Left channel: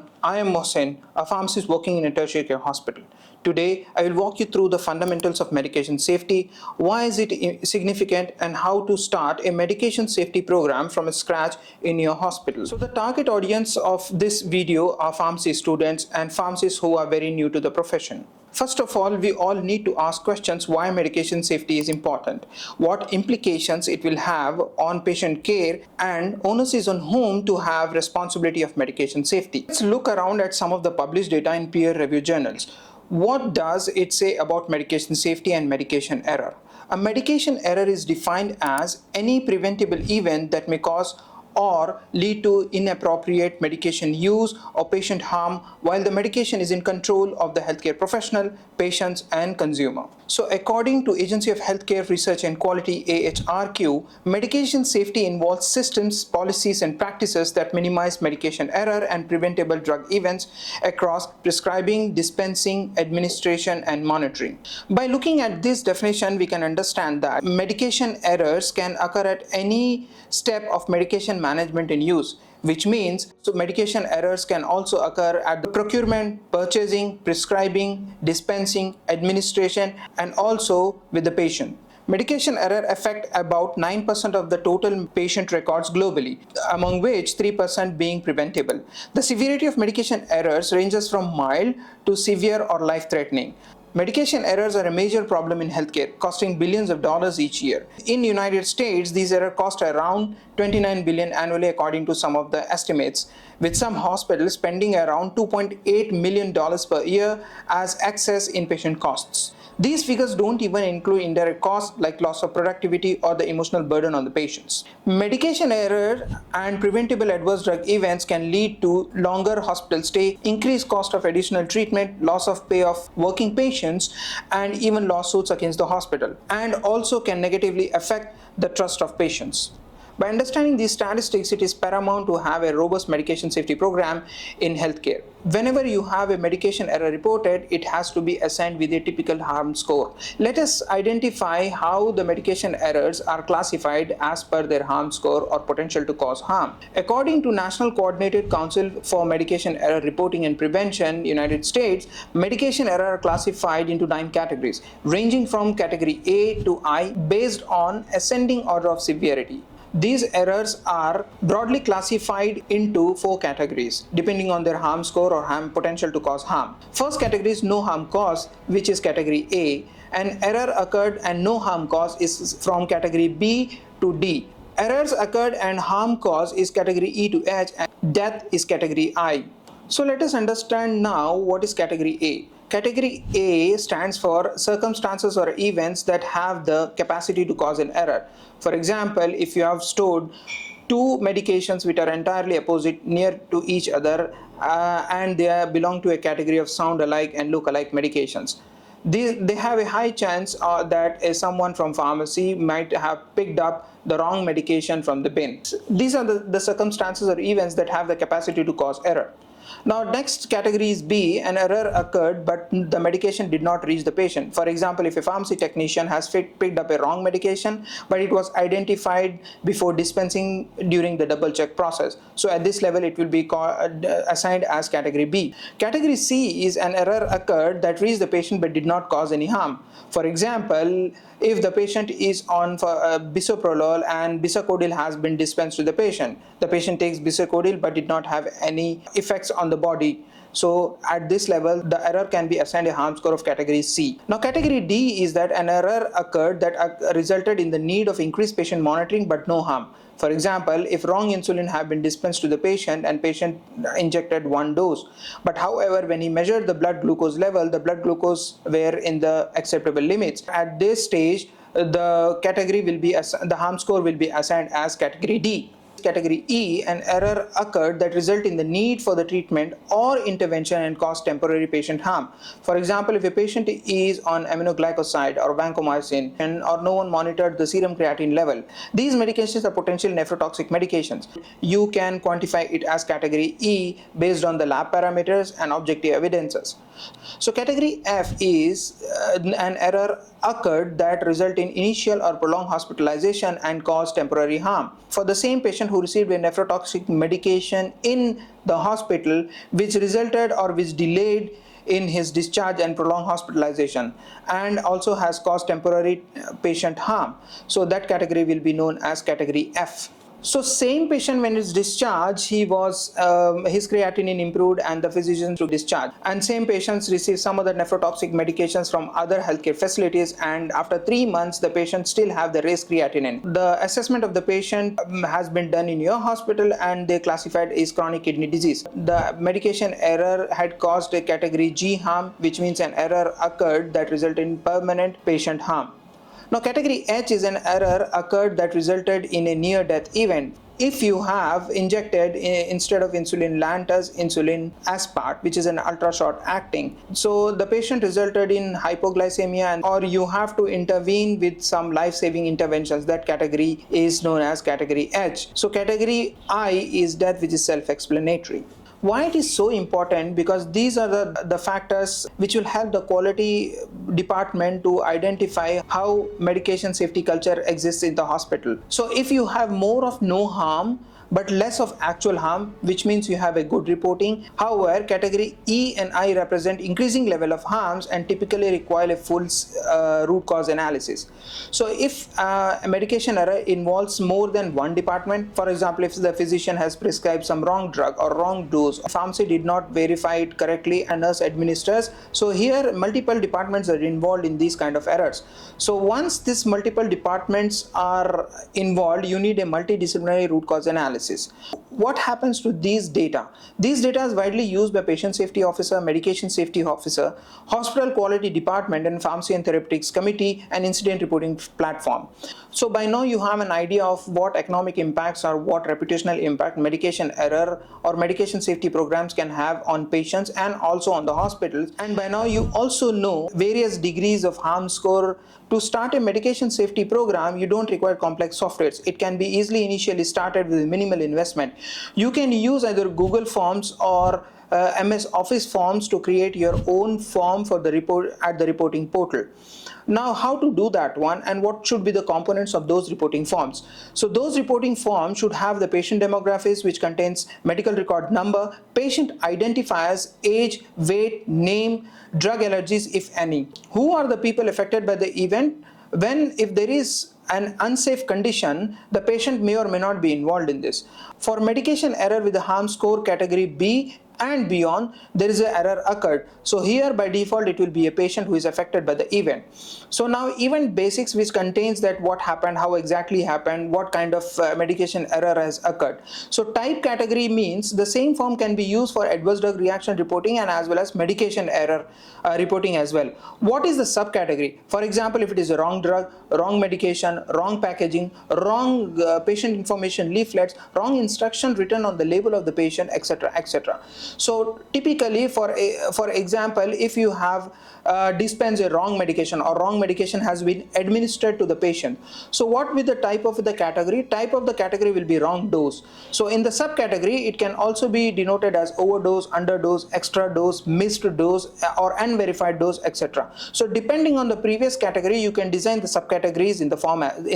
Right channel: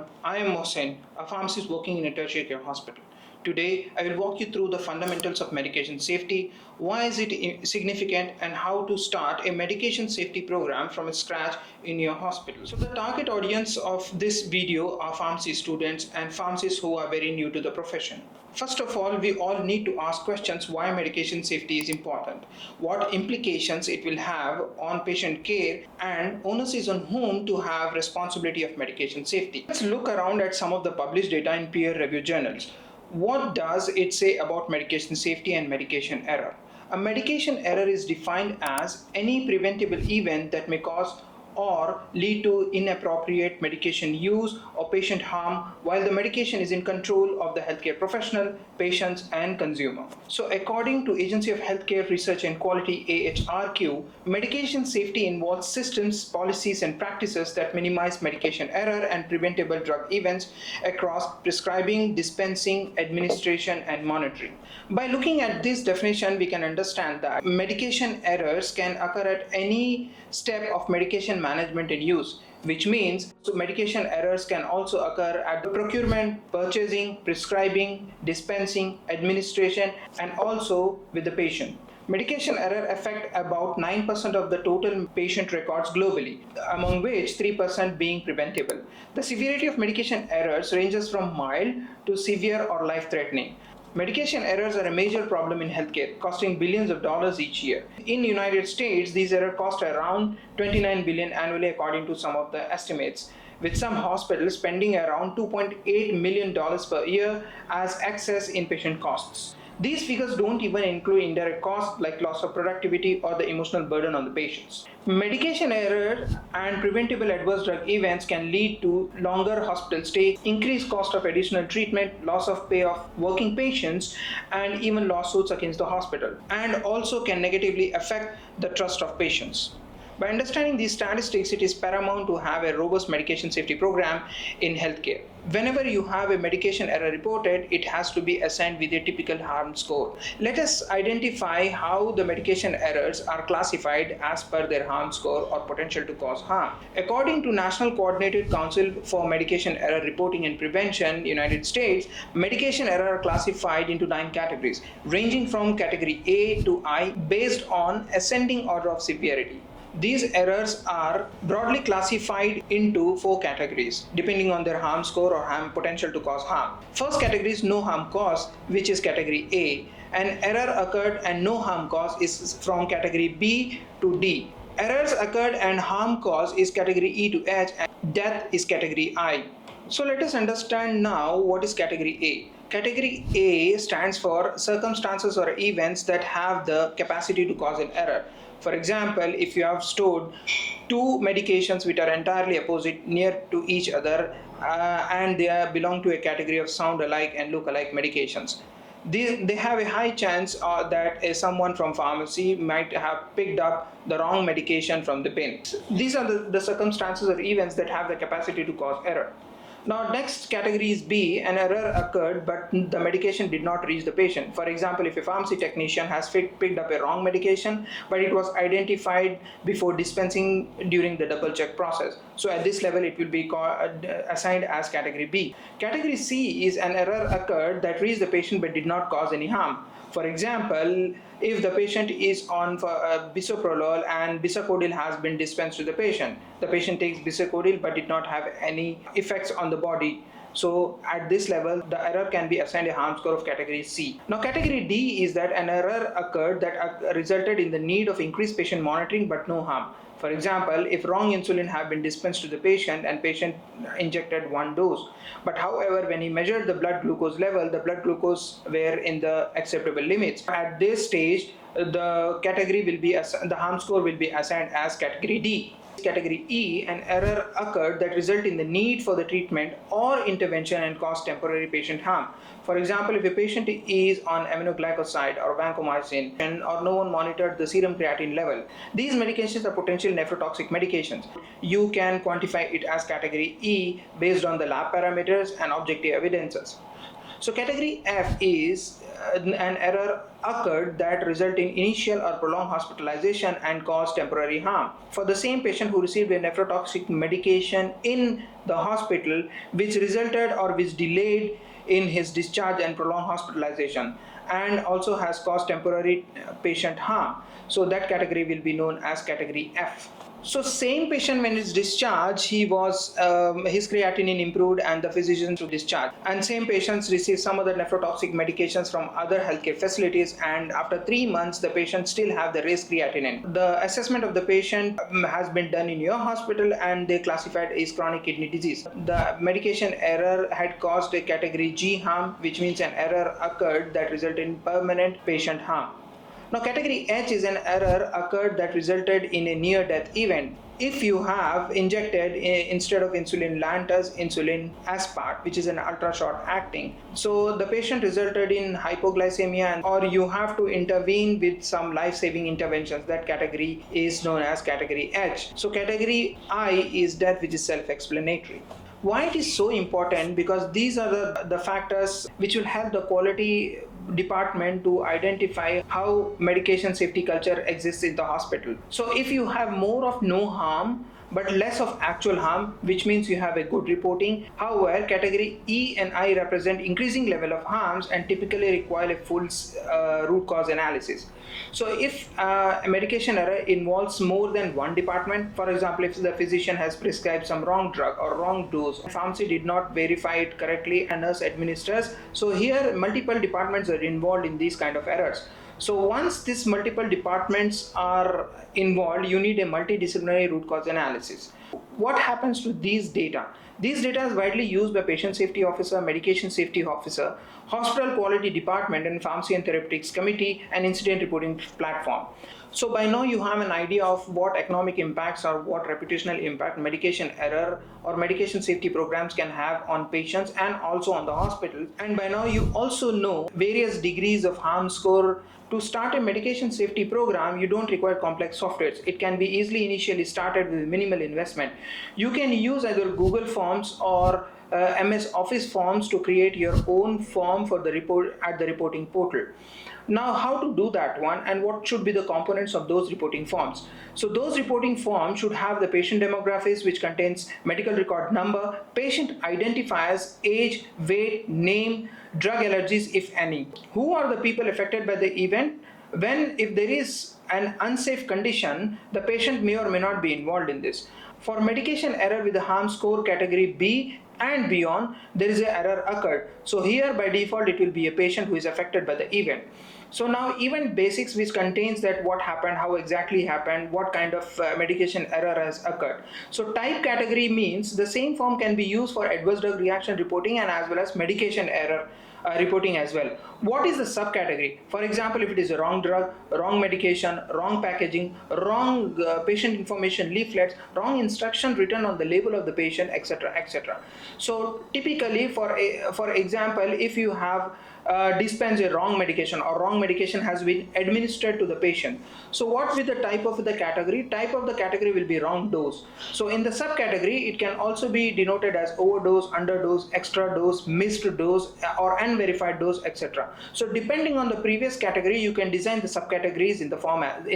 everyone, I am Mohsen, a pharmacist working in a tertiary care hospital. Today, I will walk you through the fundamentals of medication safety, why is it significant, and how to start a medication safety program from scratch in your hospital. So the target audience of this video are pharmacy students and pharmacists who are very new to the profession. First of all, we all need to ask questions why medication safety is important, what implications it will have on patient care, and onus is on whom to have responsibility of medication safety. Let's look around at some of the published data in peer-reviewed journals. What does it say about medication safety and medication error? A medication error is defined as any preventable event that may cause or lead to inappropriate medication use or patient harm while the medication is in control of the healthcare professional, patients, and consumer. So according to Agency of Healthcare Research and Quality AHRQ, medication safety involves systems, policies, and practices that minimize medication error and preventable drug events across prescribing, dispensing, administration, and monitoring. By looking at this definition, we can understand that medication errors can occur at any step of medication management and use, which means so medication errors can also occur at the procurement, purchasing, prescribing, dispensing, administration, and also with the patient. Medication error affect about 9% of the total patient records globally, among which 3% being preventable. The severity of medication errors ranges from mild to severe or life-threatening. Medication errors are a major problem in healthcare, costing billions of dollars each year. In the United States, these errors cost around $29 billion annually according to some of the estimates, with some hospitals spending around $2.8 million per year as excess inpatient costs. These figures don't even include indirect costs like loss of productivity or the emotional burden on the patients. Medication error and preventable adverse drug events can lead to longer hospital stay, increased cost of additional treatment, loss of pay of working patients, and even lawsuits against the hospital, and also can negatively affect the trust of patients. By understanding these statistics, it is paramount to have a robust medication safety program in healthcare. Whenever you have a medication error reported, it has to be assigned with a typical harm score. Let us identify how the medication errors are classified as per their harm score or potential to cause harm. According to National Coordinated Council for Medication Error Reporting and Prevention, United States, medication error are classified into 9 categories, ranging from category A to I based on ascending order of severity. These errors are broadly classified into 4 categories depending on their harm score or harm potential to cause harm. First category is no harm caused, which is category A. An error occurred and no harm caused is from category B to D. Errors occurred and harm caused is category E to H, and death is category I. So let us understand now what is category A. Category A stands for circumstances or events that have the capacity to cause an error. For example, if you have stored 2 medications which are entirely opposite near to each other and they belong to a category of sound alike and look alike medications, they have a high chance that someone from pharmacy might have picked up the wrong medication from the bin. These are the circumstances or events that have the capacity to cause error. Now, next category is B. An error occurred, but the medication did not reach the patient. For example, if a pharmacy technician has picked up a wrong medication, but it was identified before dispensing during the double check process. So at this level, it will be assigned as category B. Category C is an error occurred that reached the patient but did not cause any harm. For example, if the patient is on bisoprolol and bisacodyl has been dispensed to the patient takes bisacodyl but did not have any effects on the body. So at this level, the error can be assigned a harm score of category C. Now category D is that an error occurred that resulted in the need of increased patient monitoring but no harm. For example, if wrong insulin have been dispensed to the patient and patient injected 1 dose, but however when he measured the blood glucose level, the blood glucose were in the acceptable limits. At this stage, the category will be the harm score will be assigned as category D. Category E, an error occurred that resulted in the need for the treatment or intervention and caused temporary patient harm. For example, if a patient is on aminoglycoside or vancomycin or no one monitored the serum creatinine level, these medications are potential nephrotoxic medications. You can quantify it as category E based on the lab parameters and objective evidences. So category F is an error occurred that result in initial or prolonged hospitalization and caused temporary harm. For the same patient patient who received a nephrotoxic medication in the hospital, which resulted or which delayed in his discharge and prolonged hospitalization, and also has caused temporary patient harm. So that category will be known as category F. So same patient, when he's discharged, his creatinine improved and the physician to discharge. And same patients receive some other nephrotoxic medications from other healthcare facilities, and after 3 months the patient still have the raised creatinine. The assessment of the patient has been done in your hospital and they classified as chronic kidney disease. The medication error had caused a category G harm, which means an error occurred that resulted in permanent patient harm. Now, category H is an error occurred that resulted in a near-death event. If you have injected instead of insulin lantus, insulin aspart, which is an ultra-short acting, so the patient resulted in hypoglycemia, or you have to intervene with some life-saving interventions, that category is known as category H. So category I is death, which is self-explanatory. Why it is so important? Because these are the factors which will help the quality department to identify how medication safety culture exists in the hospital. So if you have more of no harm but less of actual harm, which means you have a good reporting. However, category E and I represent increasing level of harms and typically require a full root cause analysis. So if a medication error involves more than one department, for example, if the physician has prescribed some wrong drug or wrong dose, pharmacy did not verify it correctly and nurse administers, so here multiple departments are involved in these kind of errors. So once these multiple departments are involved, you need a multidisciplinary root cause analysis. What happens to these data? These data is widely used by patient safety officer, medication safety officer, hospital quality department, and pharmacy and therapeutics committee and incident reporting platform. So by now you have an idea of what economic impacts or what reputational impact medication error or medication safety programs can have on patients and also on the hospitals. And by now you also know various degrees of harm score. To start a medication safety program, you don't require complex softwares. It can be easily initially started with minimal investment. You can use either Google Forms or MS Office forms to create your own form for the report at the reporting portal. Now, how to do that one and what should be the components of those reporting forms? So those reporting forms should have the patient demographics, which contains medical record number, patient identifiers, age, weight, name, drug allergies, if any. Who are the people affected by the event? If there is an unsafe condition, the patient may or may not be involved in this. For medication error with the harm score category B and beyond, there is an error occurred. So here by default it will be a patient who is affected by the event. So now event basics, which contains that what happened, how exactly happened, what kind of medication error has occurred. So type category means the same form can be used for adverse drug reaction reporting and as well as medication error reporting as well. What is the subcategory? For example, if it is a wrong drug, wrong medication, wrong packaging, wrong patient information leaflets, wrong instruction written on the label of the patient, etc., etc. So typically, for example, if you have dispensed a wrong medication or wrong medication has been administered to the patient, so what will the type of the category? Type of the category will be wrong dose. So in the subcategory, it can also be denoted as overdose, underdose, extra dose, missed dose, or unverified dose, etc. So depending on the previous category, you can design the subcategories in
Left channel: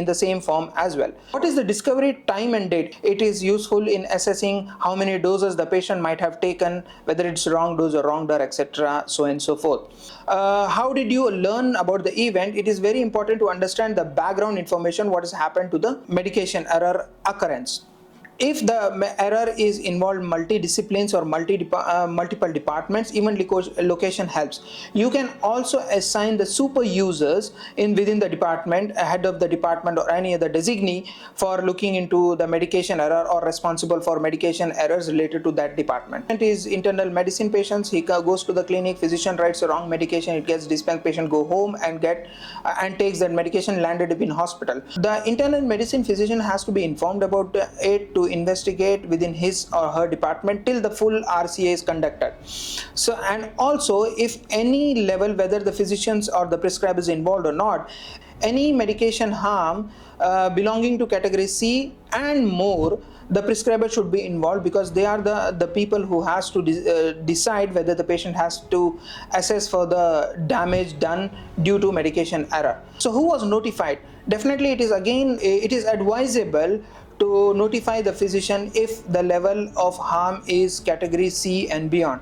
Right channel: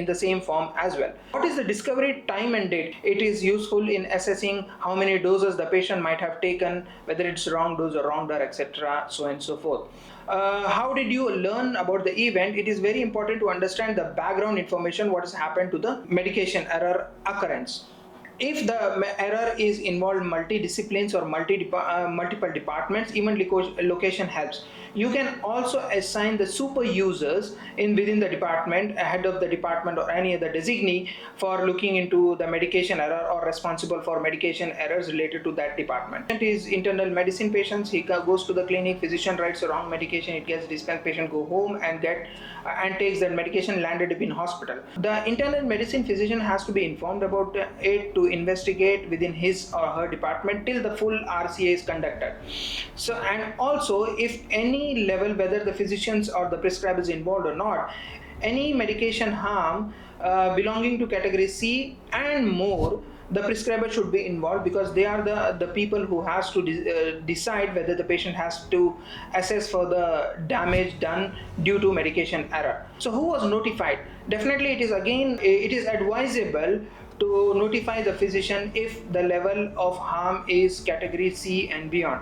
the same form as well. What is the discovery time and date? It is useful in assessing how many doses the patient might have taken, whether it's wrong dose or wrong drug, etc., so on and so forth. How did you learn about the event? It is very important to understand the background information, what has happened to the medication error occurrence. If the error is involved multi-disciplines or multiple departments, even location helps. You can also assign the super users within the department, head of the department or any other designee for looking into the medication error or responsible for medication errors related to that department. It is internal medicine patients. He goes to the clinic, physician writes the wrong medication, it gets dispensed, patient go home and takes that medication, landed up in hospital. The internal medicine physician has to be informed about it to investigate within his or her department till the full RCA is conducted. So, and also if any level, whether the physicians or the prescriber is involved or not, any medication harm belonging to category C and more, the prescriber should be involved, because they are the people who has to decide whether the patient has to assess for the damage done due to medication error. So who was notified? Definitely it is advisable to notify the physician if the level of harm is category C and beyond.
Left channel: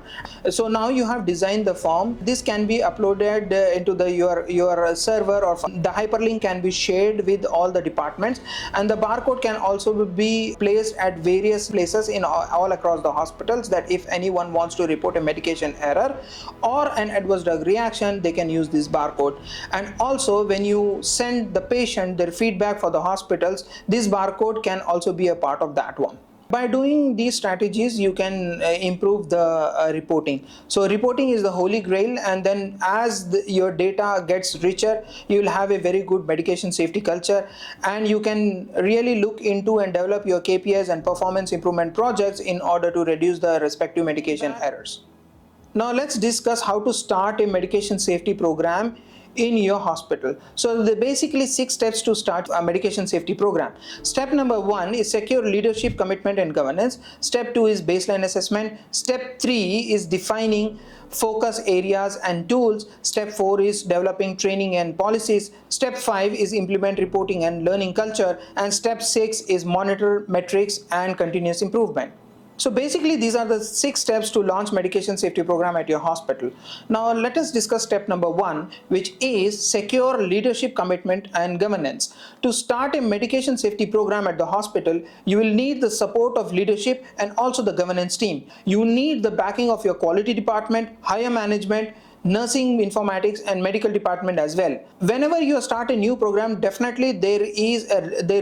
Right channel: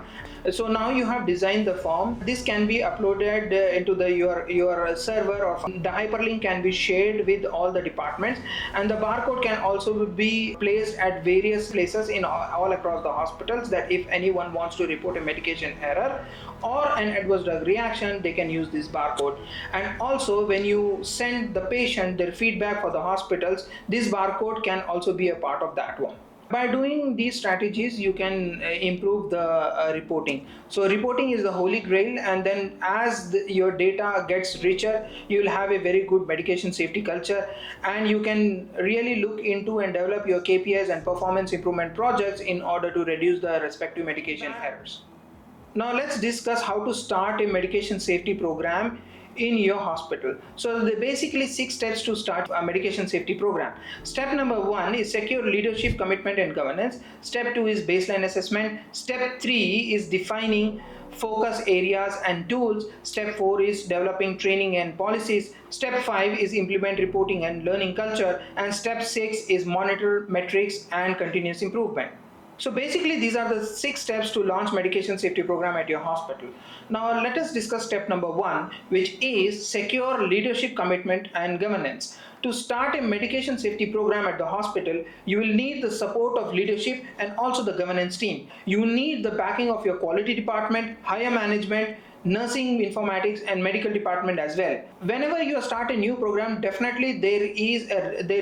So now you have designed the form. This can be uploaded into your server, or the hyperlink can be shared with all the departments, and the barcode can also be placed at various places in all across the hospitals, that if anyone wants to report a medication error or an adverse drug reaction, they can use this barcode. And also, when you send the patient their feedback for the hospitals, this barcode can also be a part of that one. By doing these strategies, you can improve the reporting. So reporting is the holy grail, and then as your data gets richer, you will have a very good medication safety culture, and you can really look into and develop your KPIs and performance improvement projects in order to reduce the respective medication errors. Now let's discuss how to start a medication safety program in your hospital. So there are basically 6 steps to start a medication safety program. Step number 1 is secure leadership, commitment and governance. Step 2 is baseline assessment. Step 3 is defining focus areas and tools. Step 4 is developing training and policies. Step 5 is implement reporting and learning culture. And step 6 is monitor metrics and continuous improvement. So basically, these are the 6 steps to launch medication safety program at your hospital. Now let us discuss step number 1, which is secure leadership, commitment and governance. To start a medication safety program at the hospital, you will need the support of leadership and also the governance team. You need the backing of your quality department, higher management, nursing, informatics and medical department as well. Whenever you start a new program, definitely there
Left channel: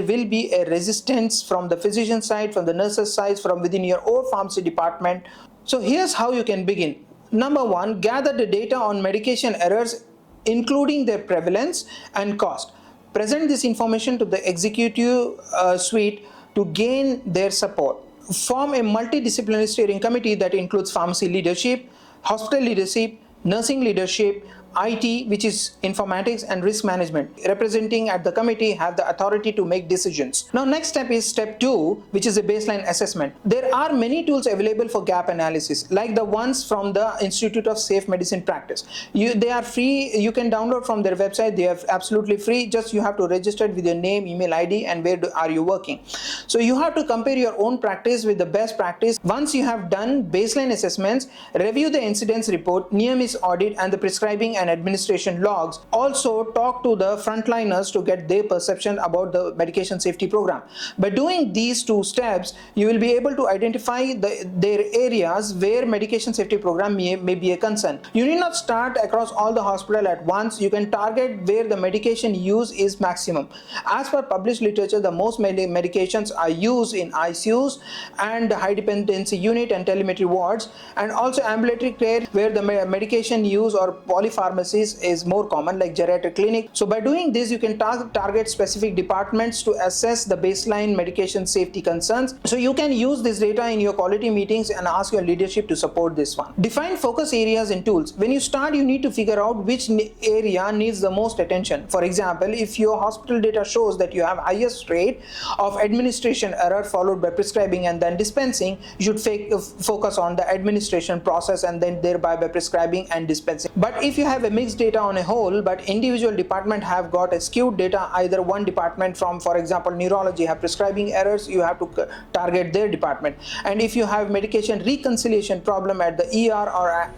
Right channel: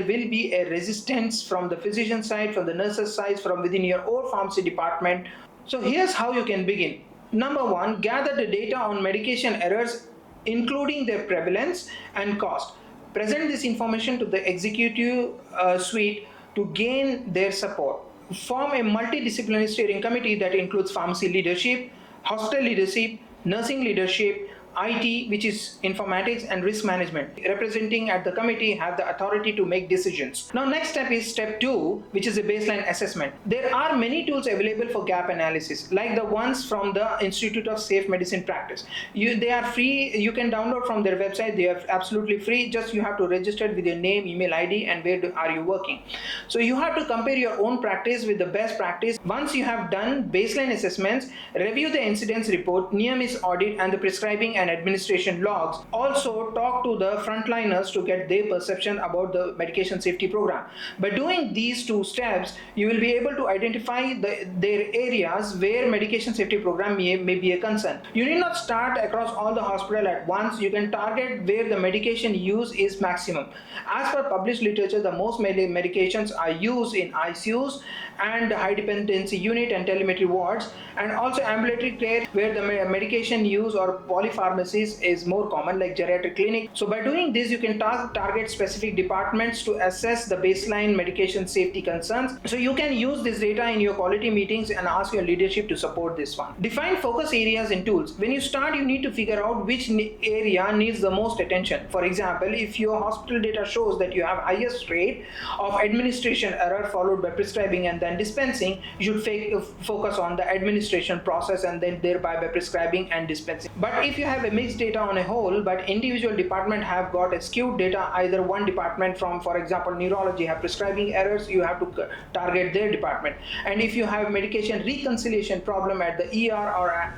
will be a resistance from the physician side, from the nurses side, from within your own pharmacy department. So here's how you can begin. Number 1, gather the data on medication errors, including their prevalence and cost. Present this information to the executive suite to gain their support. Form a multidisciplinary steering committee that includes pharmacy leadership, hospital leadership, nursing leadership, IT, which is informatics, and risk management. Representing at the committee have the authority to make decisions. Now next step is step 2, which is a baseline assessment. There are many tools available for gap analysis, like the ones from the Institute of Safe Medicine Practice. They are free. You can download from their website. They are absolutely free. Just you have to register with your name, email ID, and where are you working. So you have to compare your own practice with the best practice. Once you have done baseline assessments, review the incidents report, near miss audit, and the prescribing and administration logs. Also talk to the frontliners to get their perception about the medication safety program. By doing these 2 steps, you will be able to identify their areas where medication safety program may be a concern. You need not start across all the hospital at once. You can target where the medication use is maximum. As per published literature, the most medications are used in ICUs and high dependency unit and telemetry wards, and also ambulatory care where the medication use or polypharmacy is more common, like geriatric clinic. So by doing this, you can target specific departments to assess the baseline medication safety concerns. So you can use this data in your quality meetings and ask your leadership to support this one. Define focus areas and tools. When you start, you need to figure out which area needs the most attention. For example, if your hospital data shows that you have highest rate of administration error followed by prescribing and then dispensing, you should focus on the administration process and then thereby by prescribing and dispensing. But if you have a mixed data on a whole, but individual department have got a skewed data, either one department from, for example, neurology have prescribing errors, you have to target their department. And if you have medication reconciliation problem at the ER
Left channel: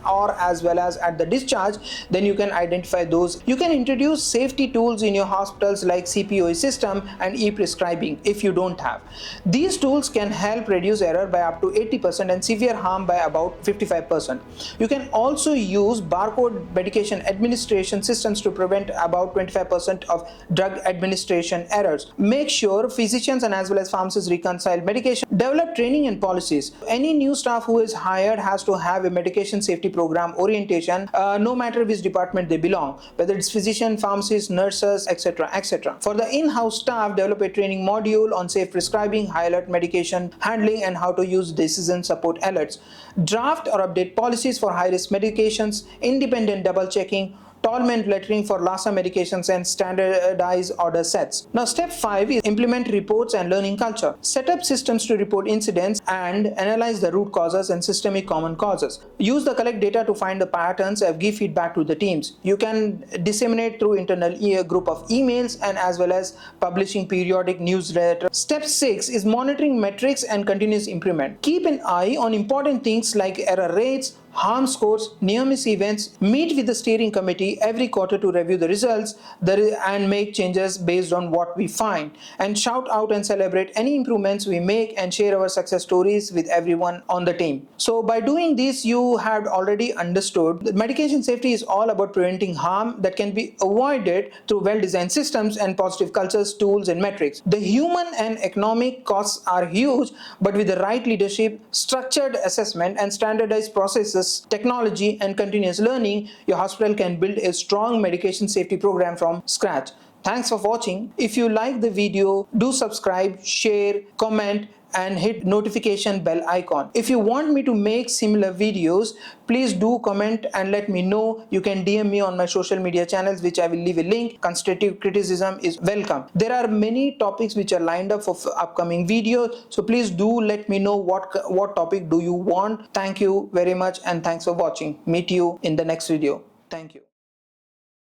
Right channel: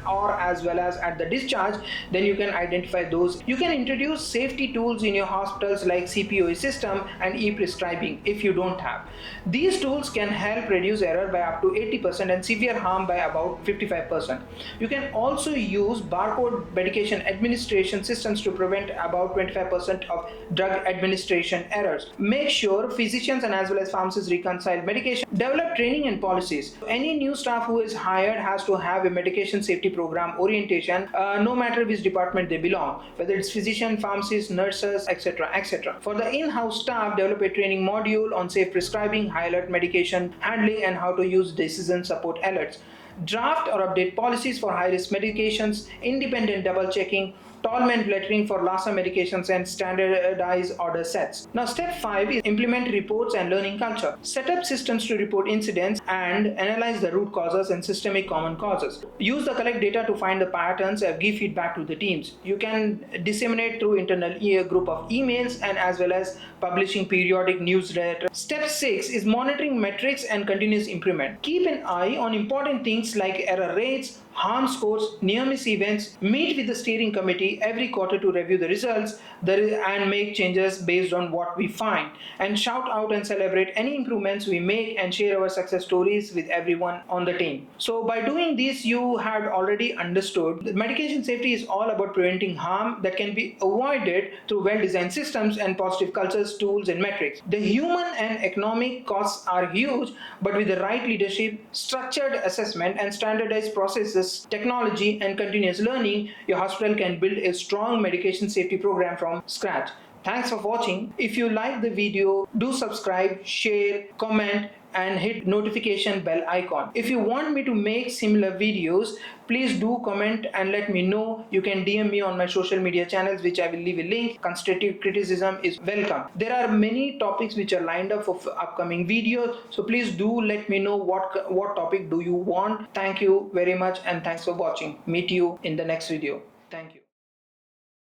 or as well as at the discharge, then you can identify those. You can introduce safety tools in your hospitals like CPOE system and e-prescribing if you don't have. These tools can help reduce error by up to 80% and severe harm by about 55%. You can also use barcode medication administration systems to prevent about 25% of drug administration errors. Make sure physicians and as well as pharmacists reconcile medication. Develop training and policies. Any new staff who is hired has to have a medication safety program orientation, no matter which department they belong, whether it's physician, pharmacists, nurses, etc., etc. For the in-house staff, develop a training module on safe prescribing, high alert medication handling, and how to use decision support alerts. Draft or update policies for high-risk medications, independent double checking, Tollman lettering for LASA medications, and standardize order sets. Now, step 5 is implement reports and learning culture. Set up systems to report incidents and analyze the root causes and systemic common causes. Use the collect data to find the patterns and give feedback to the teams. You can disseminate through internal group of emails and as well as publishing periodic newsletters. Step 6 is monitoring metrics and continuous improvement. Keep an eye on important things like error rates, harm scores, near miss events. Meet with the steering committee every quarter to review the results and make changes based on what we find. And shout out and celebrate any improvements we make and share our success stories with everyone on the team. So by doing this, you have already understood that medication safety is all about preventing harm that can be avoided through well-designed systems and positive cultures, tools, and metrics. The human and economic costs are huge, but with the right leadership, structured assessment, and standardized processes, technology, and continuous learning, your hospital can build a strong medication safety program from scratch. Thanks for watching. If you like the video, do subscribe, share, comment, and hit notification bell icon. If you want me to make similar videos, please do comment and let me know. You can DM me on my social media channels, which I will leave a link. Constructive criticism is welcome. There are many topics which are lined up for upcoming videos, so please do let me know what topic do you want. Thank you very much and thanks for watching. Meet you in the next video. Thank you.